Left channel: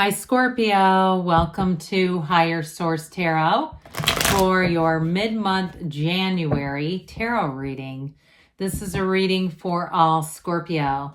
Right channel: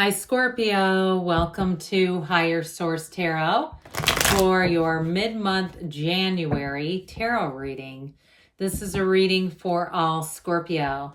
Hi Scorpio, welcome to Higher Source Tarot for your mid-month January tarot reading. This is a reading for all Scorpio,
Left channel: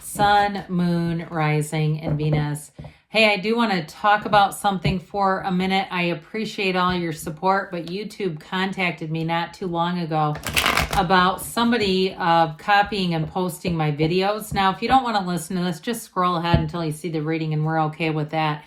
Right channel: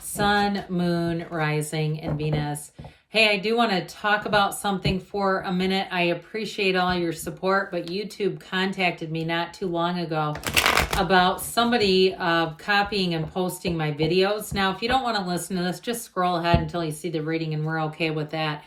Sun, Moon, Rising, and Venus. Hey, I do want to talk about something for a minute. I appreciate all your support, but YouTube contacted me not too long ago about somebody copying and posting my videos. Now, if you don't want to listen to this, just scroll ahead until you see the reading and we're okay with that.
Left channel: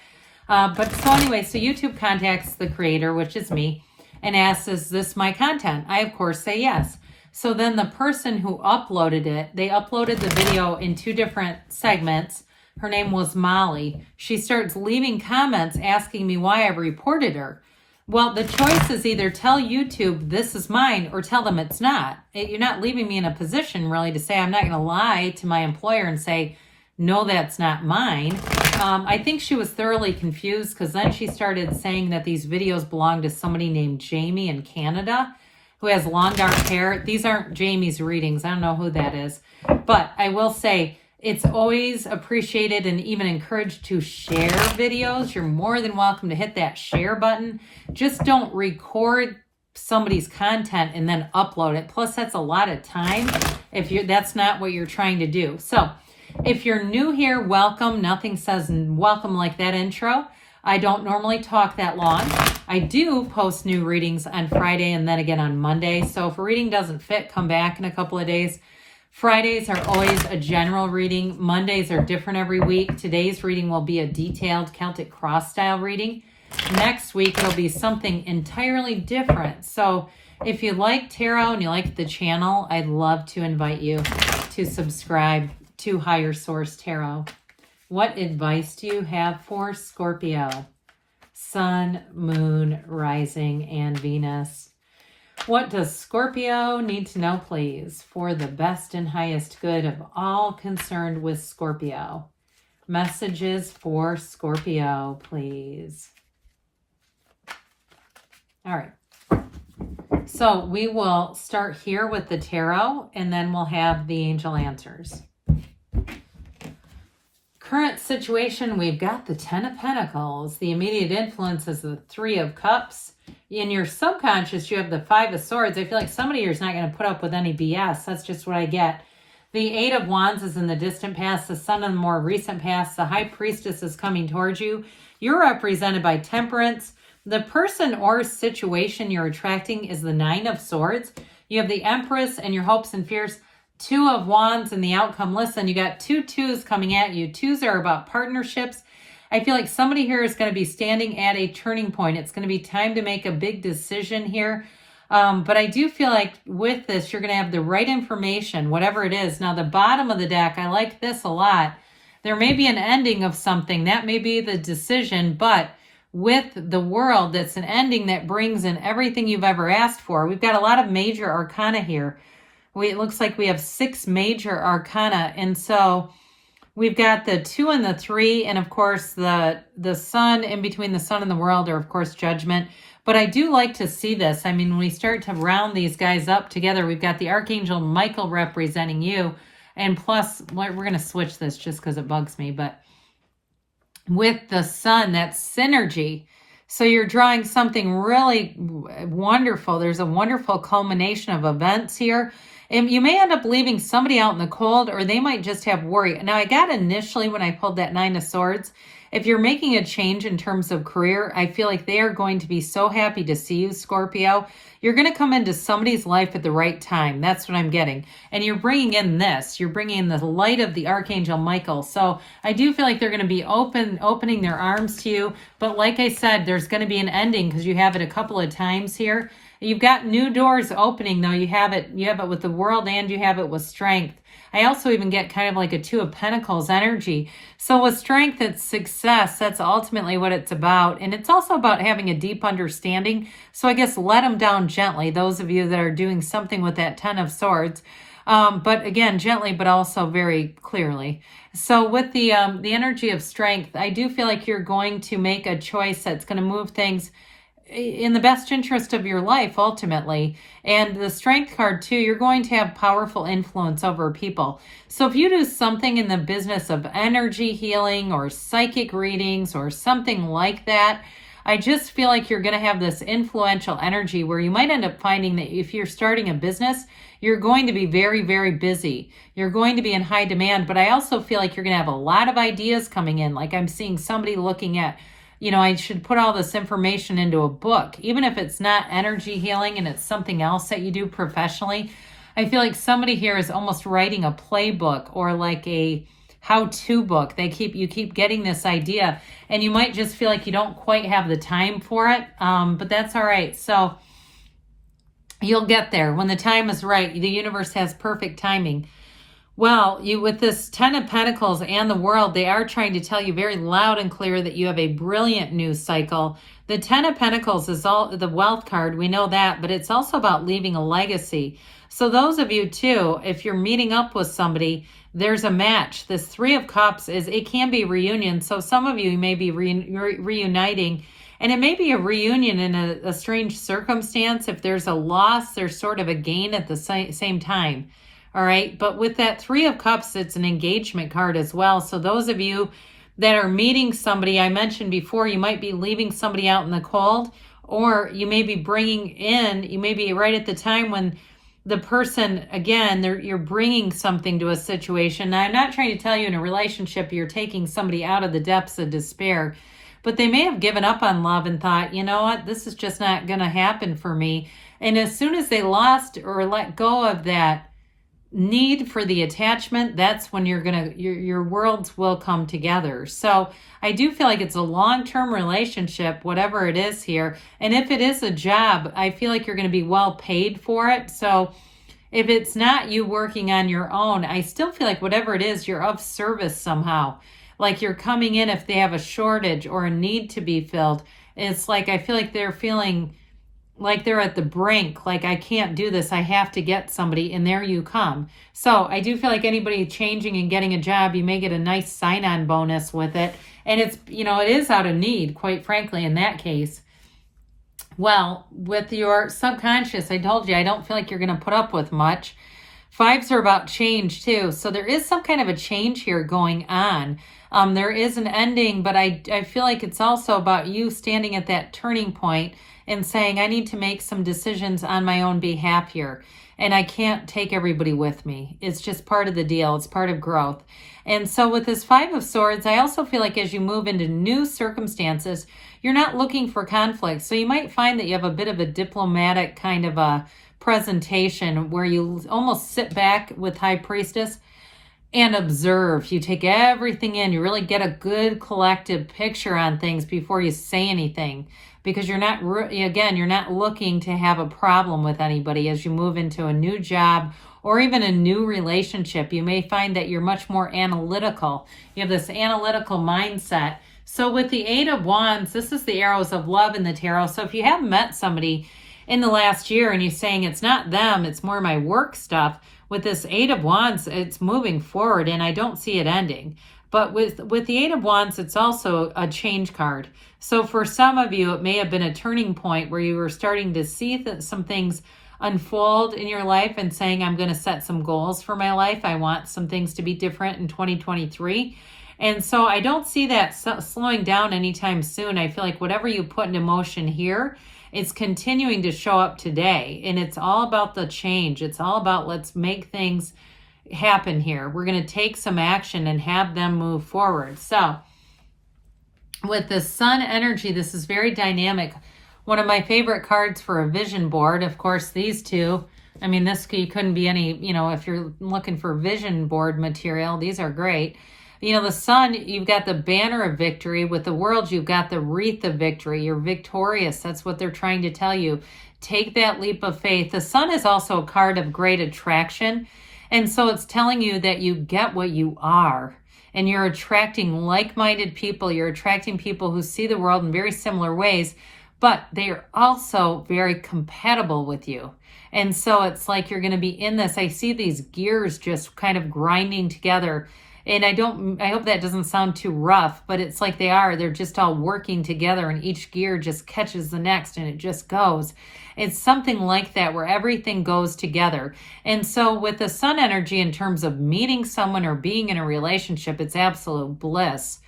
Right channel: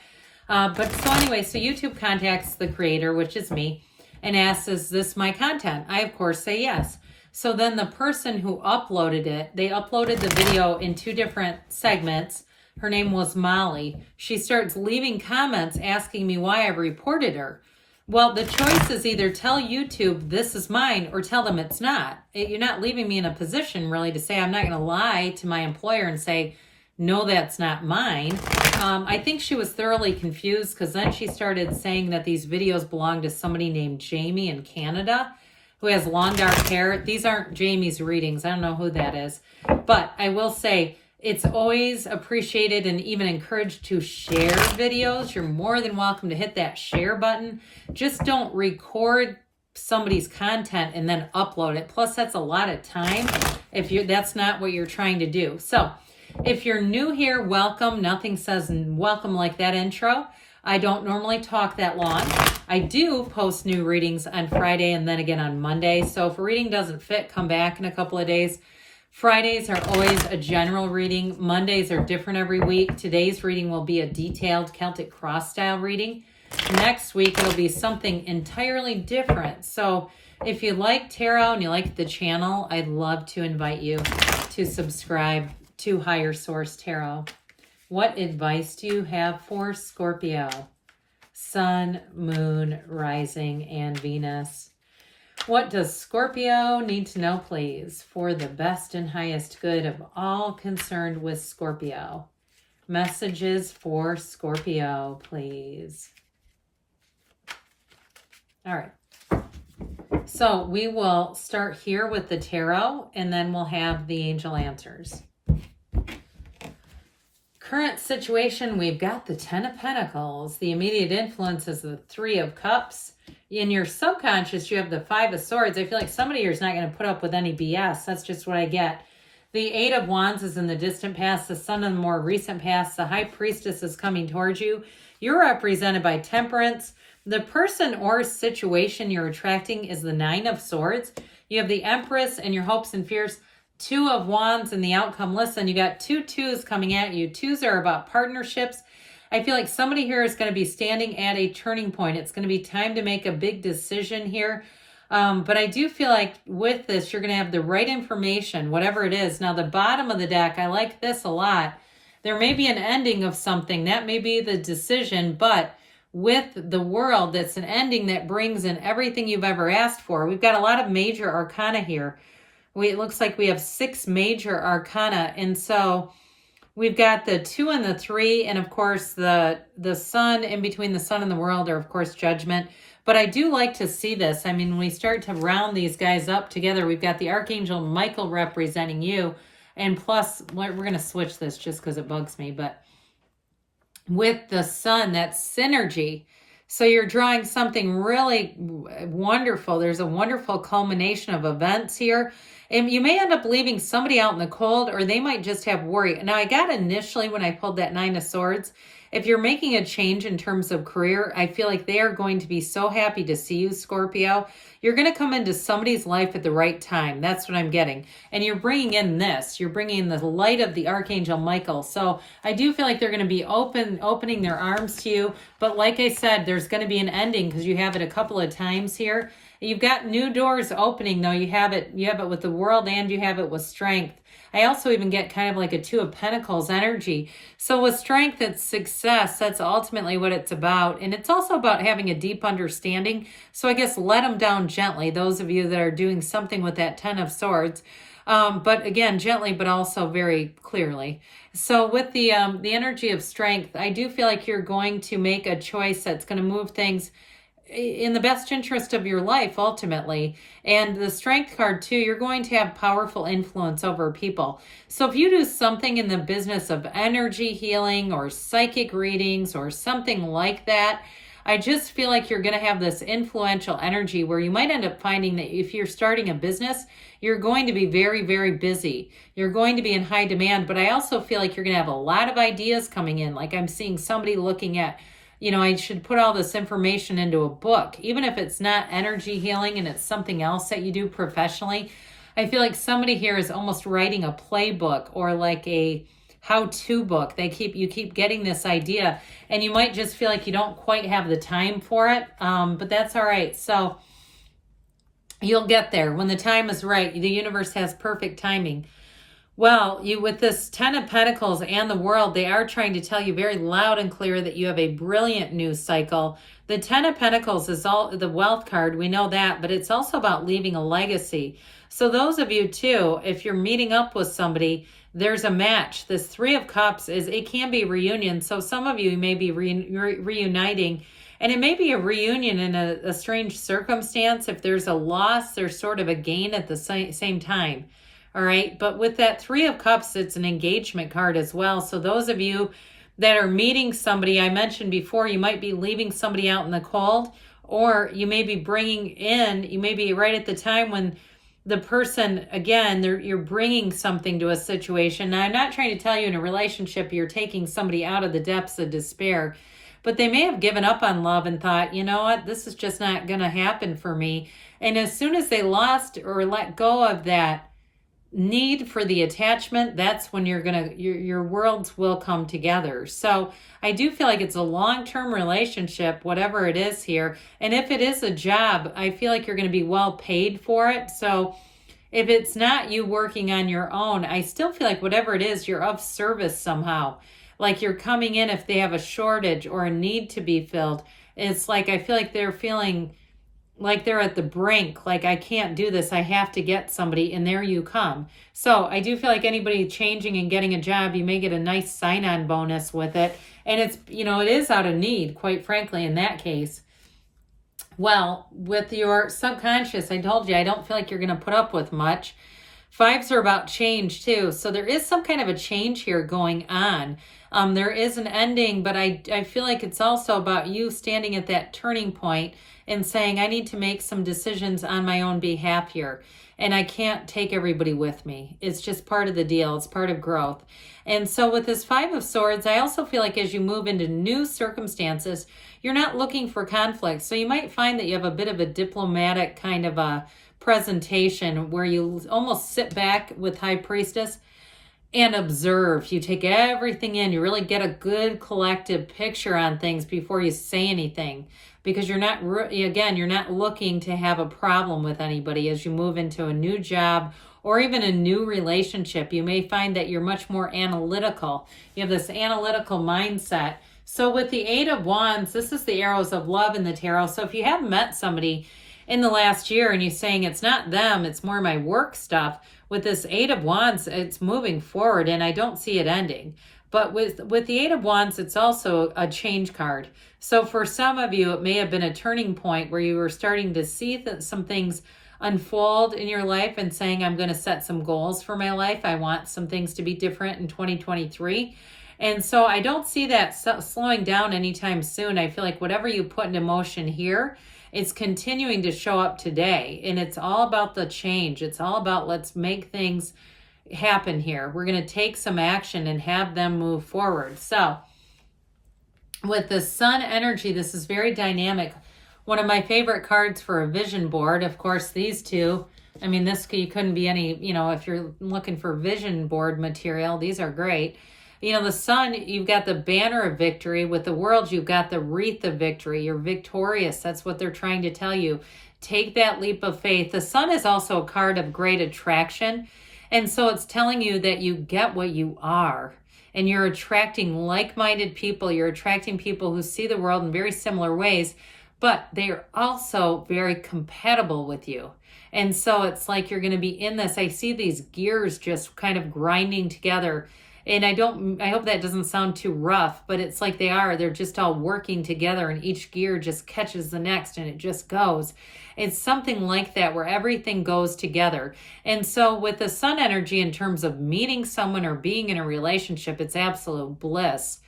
But so anyway, so YouTube contacts the creator, which is me, and asks, is this my content? I, of course, say yes. So then the person who uploaded it, they uploaded the video in two different segments. Her name was Molly. She starts leaving comments asking me why I reported her. Well, the choice is either tell YouTube this is mine or tell them it's not. You're not leaving me in a position really to say I'm not going to lie to my employer and say, no, that's not mine. I think she was thoroughly confused because then she started saying that these videos belong to somebody named Jamie in Canada who has long dark hair. These aren't Jamie's readings. I don't know who that is. But I will say, it's always appreciated and even encouraged to share videos. You're more than welcome to hit that share button. Just don't record somebody's content and then upload it. Plus, that's a lot of time if that's not what you're trying to do. So if you're new here, welcome. Nothing says welcome like that intro. I don't normally talk that long. I do post new readings on Friday and then again on Monday. So if a reading doesn't fit, come back in a couple of days. Fridays are always a general reading. Mondays are different every week. Today's reading will be a detailed Celtic cross style reading. Next week, it'll be something entirely different. So if you like tarot and you like the channel, I'd love to invite you to subscribe to Higher Source Tarot. What advice do you have for Scorpio? Sun, Moon, Rising, and Venus. What does Scorpio need to know, please, for the best and highest good of all concerned with Scorpio? Messages for Scorpio, please. All right. So we will start here with the tarot, and then we'll have the angel answers. Current situation, we've got the Ten of Pentacles. The immediate influence is the Three of Cups. In your subconscious, you have the Five of Swords. I feel like somebody here is not going to put up with any BS. That's just what I get. The Eight of Wands is in the distant past. The Sun in the more recent past. The High Priestess is coming towards you. You're represented by Temperance. The person or situation you're attracting is the Nine of Swords. You have the Empress and your hopes and fears. Two of Wands and the outcome. Listen, you got two twos coming at you. Twos are about partnerships. I feel like somebody here is going to be standing at a turning point. It's going to be time to make a big decision here. But I do feel like with this, you're going to have the right information, whatever it is. Now, the bottom of the deck, I like this a lot. There may be an ending of something. That may be the decision. But with the World, that's an ending that brings in everything you've ever asked for. We've got a lot of major arcana here. It looks like we have 6 major arcana. And so we've got the 2 and the 3, and of course the Sun, in between the Sun and the World, are of course Judgment. But I do like to see this. I mean, when we start to round these guys up together, we've got the Archangel Michael representing you. And plus, we're going to switch this just because it bugs me. But with the Sun, that's synergy. So you're drawing something really wonderful. There's a wonderful culmination of events here. And you may end up leaving somebody out in the cold, or they might just have worry. Now, I got initially when I pulled that Nine of Swords, if you're making a change in terms of career, I feel like they are going to be so happy to see you, Scorpio. You're going to come into somebody's life at the right time. That's what I'm getting. And you're bringing in this. You're bringing in the light of the Archangel Michael. So I do feel like they're going to be opening their arms to you. But like I said, there's going to be an ending because you have it a couple of times here. You've got new doors opening, though. You have it with the World and you have it with Strength. I also even get kind of like a Two of Pentacles energy. So with Strength, it's success. That's ultimately what it's about. And it's also about having a deep understanding. So I guess let them down gently, those of you that are doing something with that Ten of Swords. But again, gently, but also very clearly. So with the energy of Strength, I do feel like you're going to make a choice that's going to move things in the best interest of your life ultimately. And the Strength card too, you're going to have powerful influence over people. So if you do something in the business of energy healing or psychic readings or something like that, I just feel like you're going to have this influential energy where you might end up finding that if you're starting a business, you're going to be very, very busy. You're going to be in high demand, but I also feel like you're going to have a lot of ideas coming in. Like I'm seeing somebody looking at, I should put all this information into a book, even if it's not energy healing and it's something else that you do professionally. I feel like somebody here is almost writing a playbook or like a how-to book. You keep getting this idea, and you might just feel like you don't quite have the time for it, but that's all right. So you'll get there when the time is right. The universe has perfect timing. Well, with this 10 of Pentacles and the World, they are trying to tell you very loud and clear that you have a brilliant news cycle. The 10 of Pentacles is all the wealth card. We know that, but it's also about leaving a legacy. So those of you too, if you're meeting up with somebody, there's a match. This 3 of Cups it can be reunion. So some of you may be reuniting, and it may be a reunion in a strange circumstance. If there's a loss, there's sort of a gain at the same time. All right. But with that 3 of Cups, it's an engagement card as well. So those of you that are meeting somebody, I mentioned before, you might be leaving somebody out in the cold, or you may be you may be right at the time when the person, again, you're bringing something to a situation. Now, I'm not trying to tell you in a relationship you're taking somebody out of the depths of despair, but they may have given up on love and thought, you know what, this is just not going to happen for me. And as soon as they lost or let go of that need for the attachment, that's when your worlds will come together. So I do feel like it's a long-term relationship, whatever it is here. And if it is a job, I feel like you're going to be well paid for it. So if it's not you working on your own, I still feel like whatever it is, you're of service somehow. Like you're coming in if they have a shortage or a need to be filled. It's like I feel like they're feeling like they're at the brink, like I can't do this, I have to get somebody, and there you come. So I do feel like anybody changing and getting a job, you may get a nice sign-on bonus with it. And it's, it is out of need, quite frankly, in that case. Well, with your subconscious, I told you, I don't feel like you're going to put up with much. 5s are about change too. So there is some kind of a change here going on. There is an ending, but I feel like it's also about you standing at that turning point and saying, I need to make some decisions on my own behalf here. And I can't take everybody with me. It's just part of the deal. It's part of growth. And so with this 5 of Swords, I also feel like as you move into new circumstances, you're not looking for conflict. So you might find that you have a bit of a diplomatic kind of a presentation where you almost sit back with High Priestess and observe. You take everything in. You really get a good collective picture on things before you say anything. Because you're not looking to have a problem with anybody as you move into a new job or even a new relationship. You may find that you're much more analytical. You have this analytical mindset. So with the 8 of Wands, this is the arrows of love in the tarot. So if you haven't met somebody in the last year and you're saying it's not them, it's more my work stuff, with this 8 of Wands, it's moving forward and I don't see it ending. But with the 8 of Wands, it's also a change card. So for some of you, it may have been a turning point where you were starting to see some things unfold in your life and saying, I'm going to set some goals for my life. I want some things to be different in 2023. And so I don't see that slowing down anytime soon. I feel like whatever you put into motion here, it's continuing to show up today. And it's all about the change. It's all about let's make things happen here. We're going to take some action and have them move forward. So with the Sun energy, this is very dynamic. One of my favorite cards for a vision board, of course, these two. I mean, you couldn't be any, if you're looking for vision board material, these are great. The Sun, you've got the banner of victory. With the World, you've got the wreath of victory. You're victorious. That's what they're trying to tell you. Take that leap of faith. The Sun is also a card of great attraction. And so it's telling you that you get what you are. And you're attracting like-minded people. You're attracting people who see the world in very similar ways. But they are also very compatible with you. And so it's like you're going to be in this. I see these gears just kind of grinding together. And I hope that doesn't sound too rough, but it's like they're just all working together and each gear just catches the next and it just goes. It's something like that where everything goes together. And so with the sun energy in terms of meeting someone or being in a relationship, it's absolute bliss.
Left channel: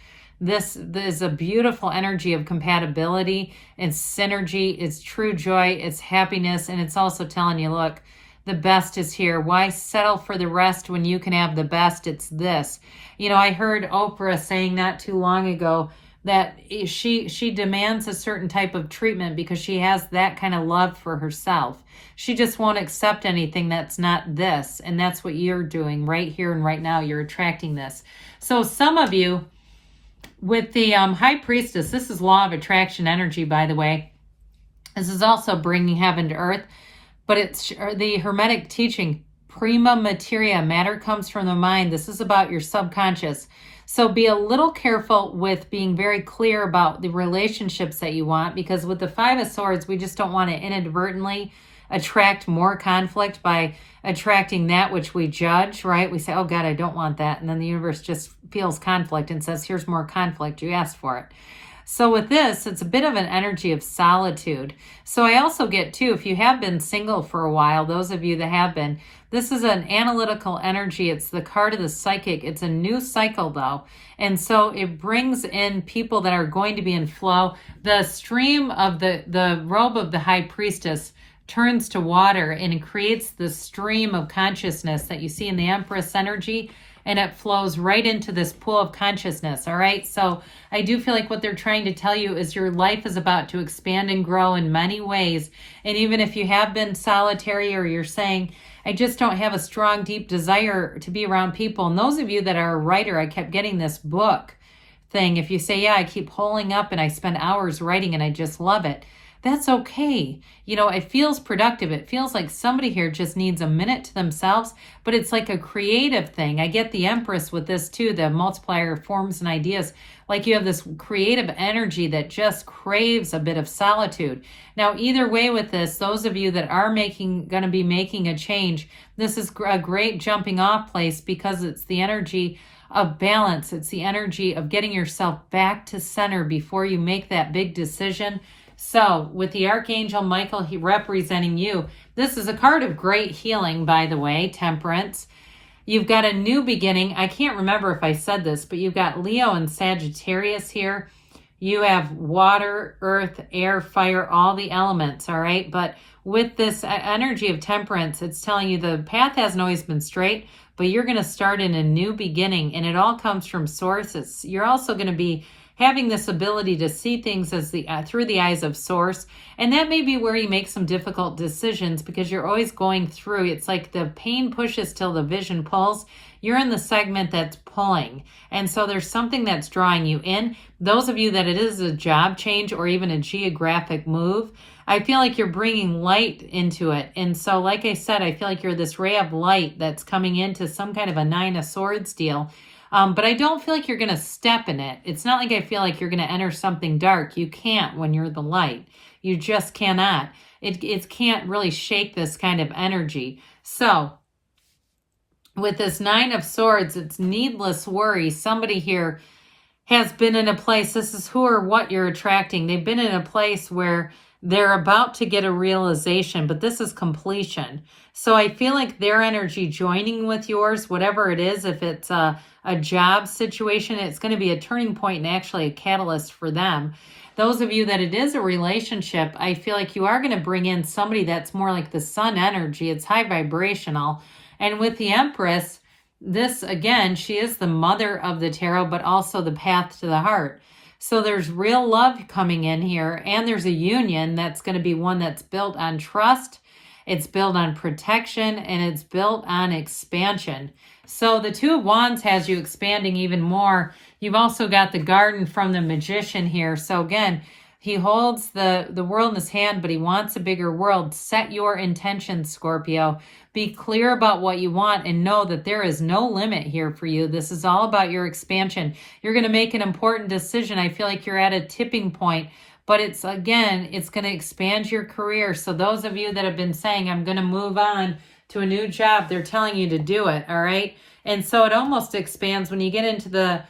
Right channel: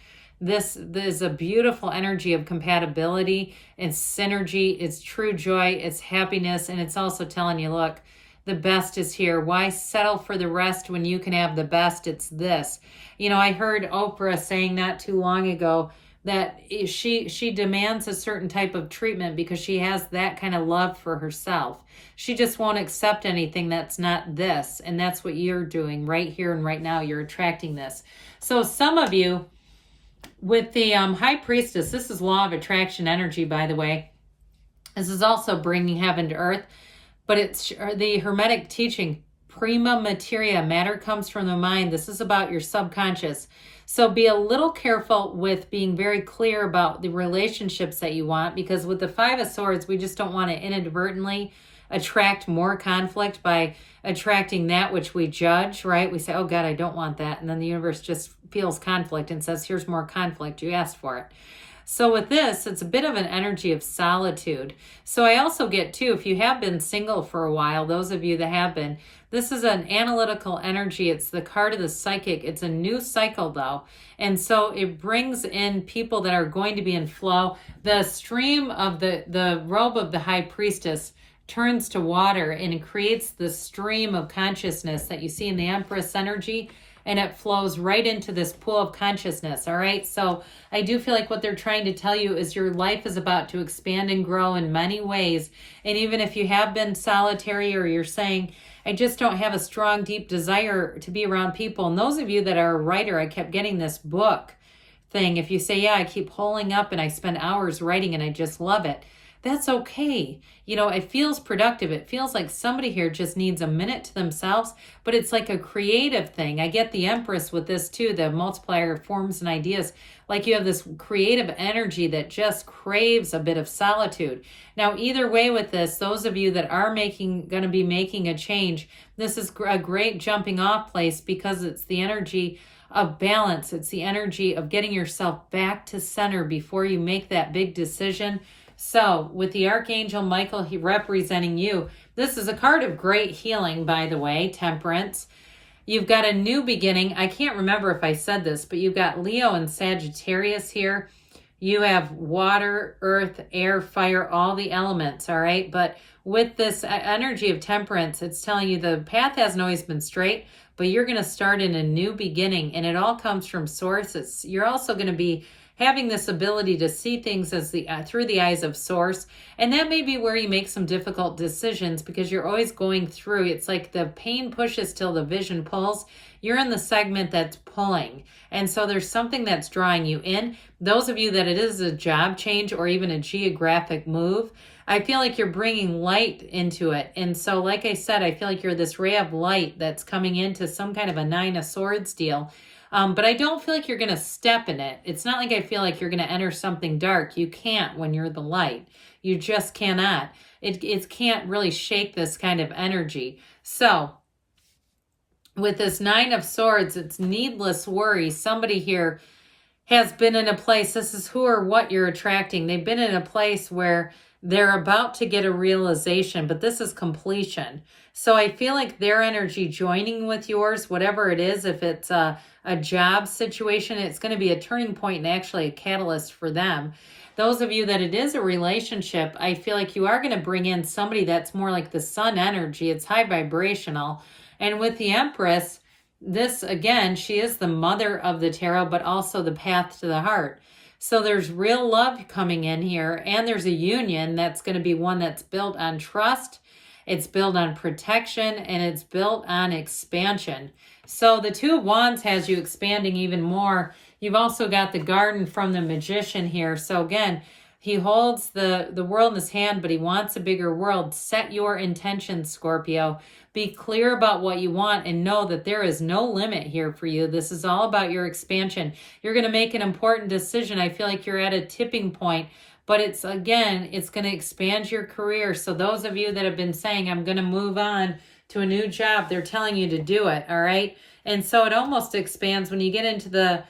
This is a beautiful energy of compatibility, it's synergy, it's true joy, it's happiness, and it's also telling you, look, the best is here. Why settle for the rest when you can have the best? It's this. I heard Oprah saying not too long ago that she demands a certain type of treatment because she has that kind of love for herself. She just won't accept anything that's not this, and that's what you're doing right here and right now. You're attracting this. So some of you, with the High Priestess, this is Law of Attraction energy, by the way. This is also bringing heaven to earth. But it's the Hermetic teaching, prima materia, matter comes from the mind. This is about your subconscious. So be a little careful with being very clear about the relationships that you want, because with the Five of Swords, we just don't want to inadvertently attract more conflict by attracting that which we judge, right? We say, oh God, I don't want that. And then the universe just feels conflict and says, here's more conflict. You asked for it. So with this, it's a bit of an energy of solitude. So I also get too, if you have been single for a while, those of you that have been, this is an analytical energy. It's the card of the psychic. It's a new cycle though. And so it brings in people that are going to be in flow. The stream of the robe of the High Priestess turns to water and it creates the stream of consciousness that you see in the Empress energy. And it flows right into this pool of consciousness, all right? So I do feel like what they're trying to tell you is your life is about to expand and grow in many ways. And even if you have been solitary or you're saying, I just don't have a strong, deep desire to be around people. And those of you that are a writer, I kept getting this book thing. If you say, yeah, I keep holding up and I spend hours writing and I just love it. That's okay. It feels productive. It feels like somebody here just needs a minute to themselves, but it's like a creative thing. I get the Empress with this too, the multiplier of forms and ideas. Like you have this creative energy that just craves a bit of solitude. Now, either way with this, those of you that are going to be making a change, this is a great jumping off place because it's the energy of balance. It's the energy of getting yourself back to center before you make that big decision. So with the Archangel Michael, he representing you, this is a card of great healing, by the way, Temperance. You've got a new beginning. I can't remember if I said this, but you've got Leo and Sagittarius here. You have water, earth, air, fire, all the elements, all right? But with this energy of Temperance, it's telling you the path hasn't always been straight, but you're going to start in a new beginning, and it all comes from Source. You're also going to be having this ability to see things as through the eyes of Source. And that may be where you make some difficult decisions because you're always going through. It's like the pain pushes till the vision pulls. You're in the segment that's pulling. And so there's something that's drawing you in. Those of you that it is a job change or even a geographic move, I feel like you're bringing light into it. And so like I said, I feel like you're this ray of light that's coming into some kind of a Nine of Swords deal. But I don't feel like you're going to step in it. It's not like I feel like you're going to enter something dark. You can't when you're the light. You just cannot. It can't really shake this kind of energy. So with this Nine of Swords, it's needless worry. Somebody here has been in a place, this is who or what you're attracting. They've been in a place where they're about to get a realization, but this is completion. So I feel like their energy joining with yours, whatever it is, if it's a job situation, it's going to be a turning point and actually a catalyst for them. Those of you that it is a relationship, I feel like you are going to bring in somebody that's more like the sun energy. It's high vibrational. And with the Empress, this, again, she is the mother of the tarot, but also the path to the heart. So there's real love coming in here, and there's a union that's going to be one that's built on trust, it's built on protection, and it's built on expansion. So the Two of Wands has you expanding even more. You've also got the Garden from the Magician here. So again, he holds the world in his hand, but he wants a bigger world. Set your intentions, Scorpio. Be clear about what you want and know that there is no limit here for you. This is all about your expansion. You're going to make an important decision. I feel like you're at a tipping point, but it's going to expand your career. So those of you that have been saying, I'm going to move on to a new job, they're telling you to do it, all right? And so it almost expands when you get into the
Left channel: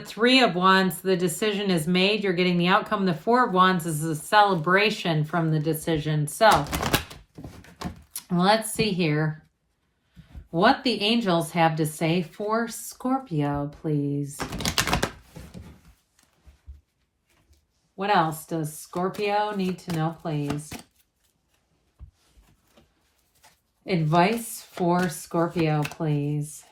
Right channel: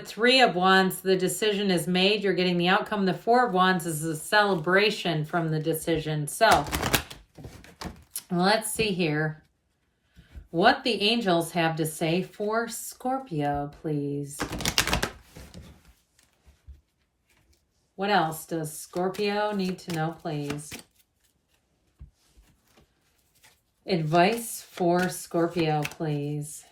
Three of Wands, the decision is made. You're getting the outcome. The Four of Wands is a celebration from the decision. So let's see here what the angels have to say for Scorpio, please. What else does Scorpio need to know, please? Advice for Scorpio, please.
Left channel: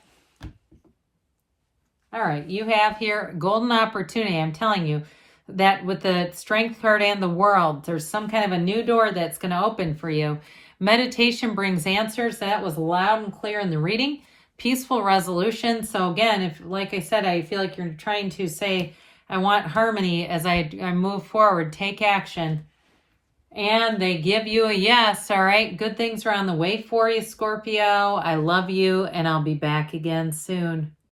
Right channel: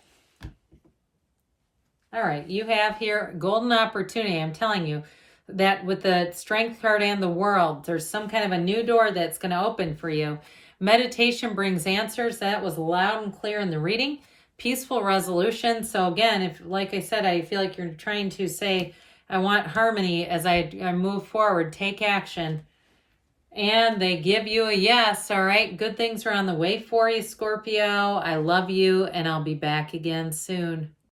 All right, you have here golden opportunity. I'm telling you that with the Strength card and the World, there's some kind of a new door that's going to open for you. Meditation brings answers. That was loud and clear in the reading. Peaceful resolution. So again, if, like I said, I feel like you're trying to say, I want harmony as I move forward. Take action. And they give you a yes. All right, good things are on the way for you, Scorpio. I love you, and I'll be back again soon.